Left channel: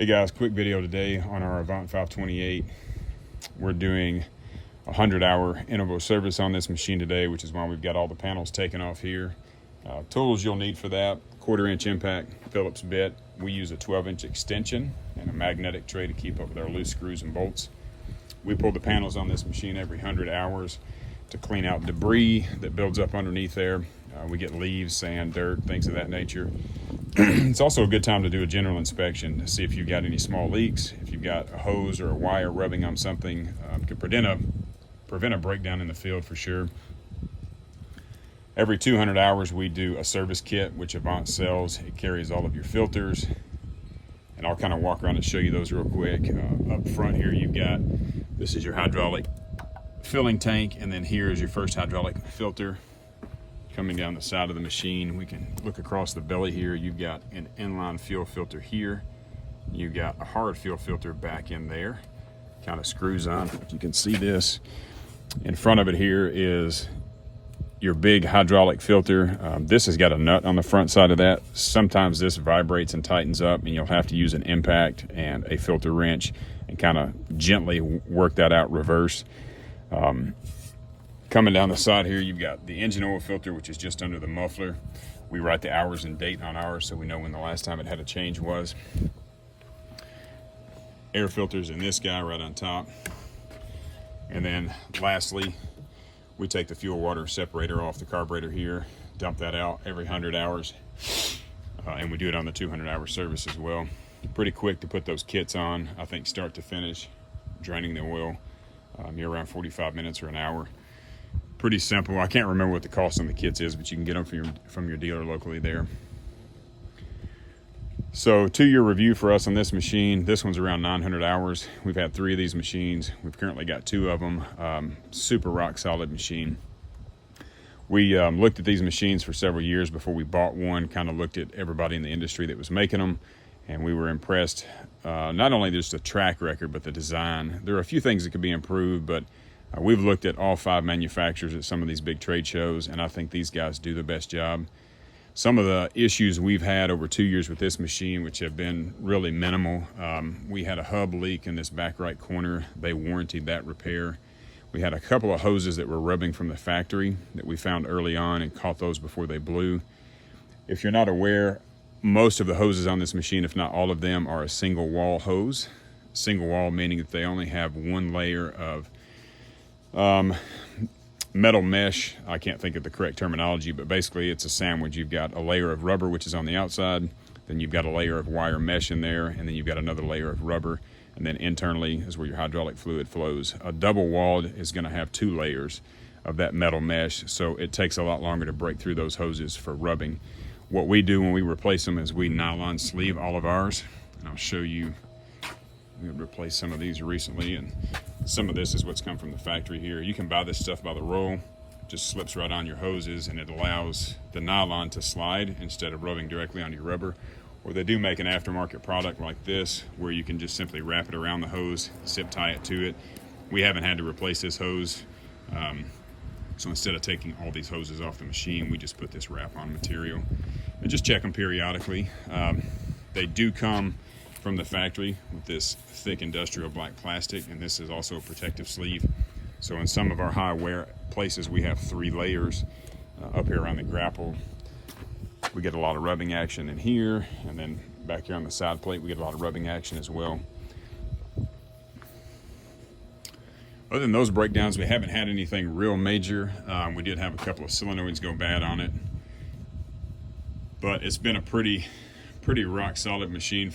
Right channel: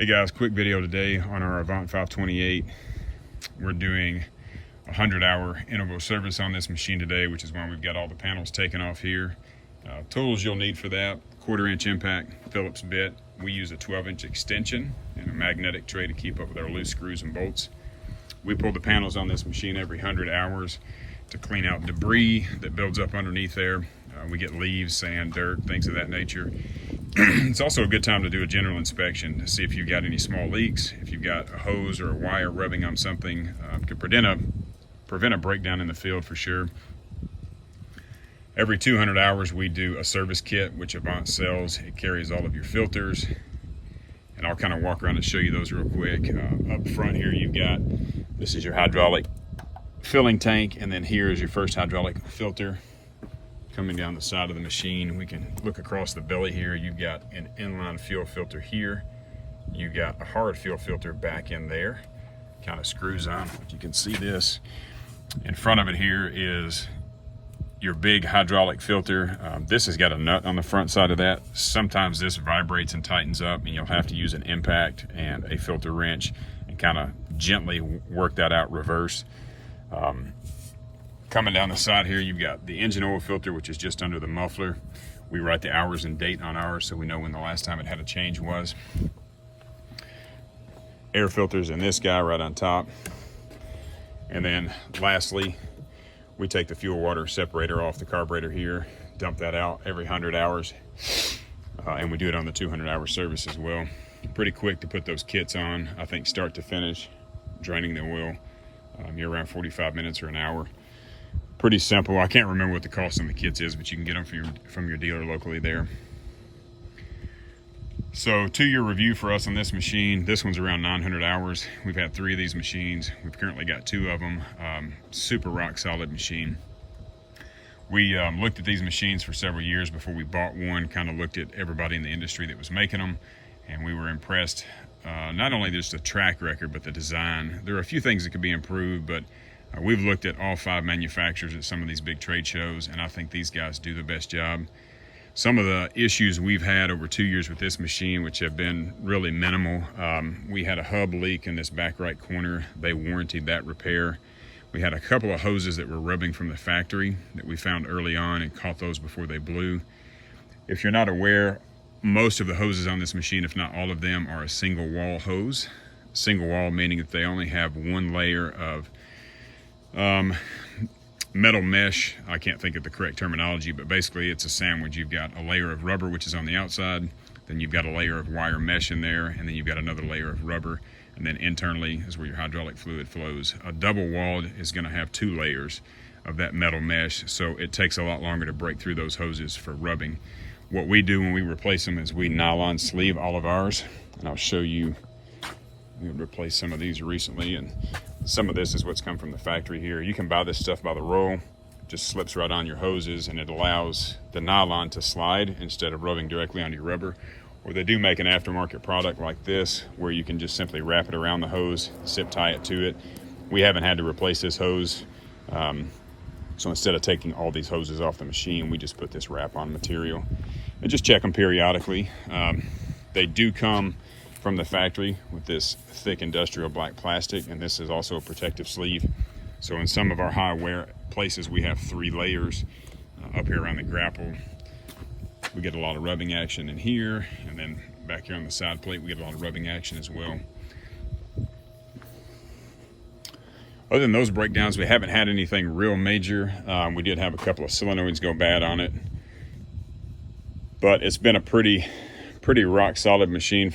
Hey guys, quick video today on our Avant 528. We're doing a 100-hour interval service on this machine today, which is why we've got all the panels taken off here. Tools you'll need for that: 1/4-inch impact Phillips bit. We use a 12-inch extension and a magnetic tray to keep up with our loose screws and bolts. We pull the panels on this machine every 100 hours to clean out debris that builds up underneath there. We get leaves, sand, dirt, things of that nature. It's also a good time to do a general inspection to see if you've got any small leaks. If you've got a hose or a wire rubbing on something, could prevent a breakdown in the field for sure. Every 200 hours we do a service kit, which Avant sells. It carries all of your filters, and I'll kind of walk around and show you those real quick. Up front here you've got, this is your hydraulic filling tank, and then here is your first hydraulic filter. Coming down the side of the machine, we can look across the belly here. You've got an inline fuel filter here. You've got a hard fuel filter back in there. Kind of screws on, if you can see this. In front of it here is your big hydraulic filter. This has got a nut on the front side of that. Sometimes this vibrates and tightens up, and you'll have to use an impact and a filter wrench and kind of gently work that out reverse. Coming down the side here, you've got the engine oil filter, which is just under the muffler. We write the hours and date on ours so we know when the last time it had a change was. Air filters in this guy right on top. And then lastly, we take the fuel water separator off the carburetor here, dump that out every 100 hours. And we do it on the 200-hour service as well. Pretty quick to put those kits on, I think start to finish, draining the oil. You're around 45 minutes or an hour. Pretty simple. I can't remember what the cost on the kits is, but you can get them from your dealer locally there. So 2-year review for us on this machine. This one's around 900 hours. We've had 3 of these machines. We've currently got 2 of them. Super rock solid machine. We looked at these machines for several years before we bought one, kind of looked at everybody in the industry that was making them, and we were impressed. Not only just the track record, but the design. There are a few things that could be improved, but we've looked at all 5 manufacturers at some of these big trade shows, and I think these guys do the best job. Some of the issues we've had over 2 years with this machine, which have been really minimal. We had a hub leak in this back right corner. They warranted that repair. We had a couple of hoses that were rubbing from the factory that we found early on and caught those before they blew. If you're not aware, most of the hoses on this machine, if not all of them, are a single wall hose. Single wall meaning that they only have one layer of metal mesh. I can't think of the correct terminology, but basically it's a sandwich. You've got a layer of rubber, which is on the outside, then you've got a layer of wire mesh in there, and then you've got another layer of rubber, and then internally is where your hydraulic fluid flows. A double walled is going to have 2 layers of that metal mesh, so it takes a lot longer to break through those hoses for rubbing. What we do when we replace them is we nylon sleeve all of ours, and I'll show you. We replaced some of these recently, and some of this is what's come from the factory here. You can buy this stuff by the roll. It just slips right on your hoses, and it allows the nylon to slide instead of rubbing directly on your rubber. Or they do make an aftermarket product like this where you can just simply wrap it around the hose, zip tie it to it. We haven't had to replace this hose, so instead of taking all these hoses off the machine, we just put this wrap on material and just check them periodically. They do come from the factory with this thick industrial black plastic, and this is also a protective sleeve. So in some of our high wear places, we have 3 layers. Up here around the grapple, we get a lot of rubbing action in here, and then back here on the side plate, we get a lot of rubbing action as well. Other than those breakdowns, we haven't had anything real major. We did have a couple of solenoids go bad on it, but it's been a pretty rock solid machine.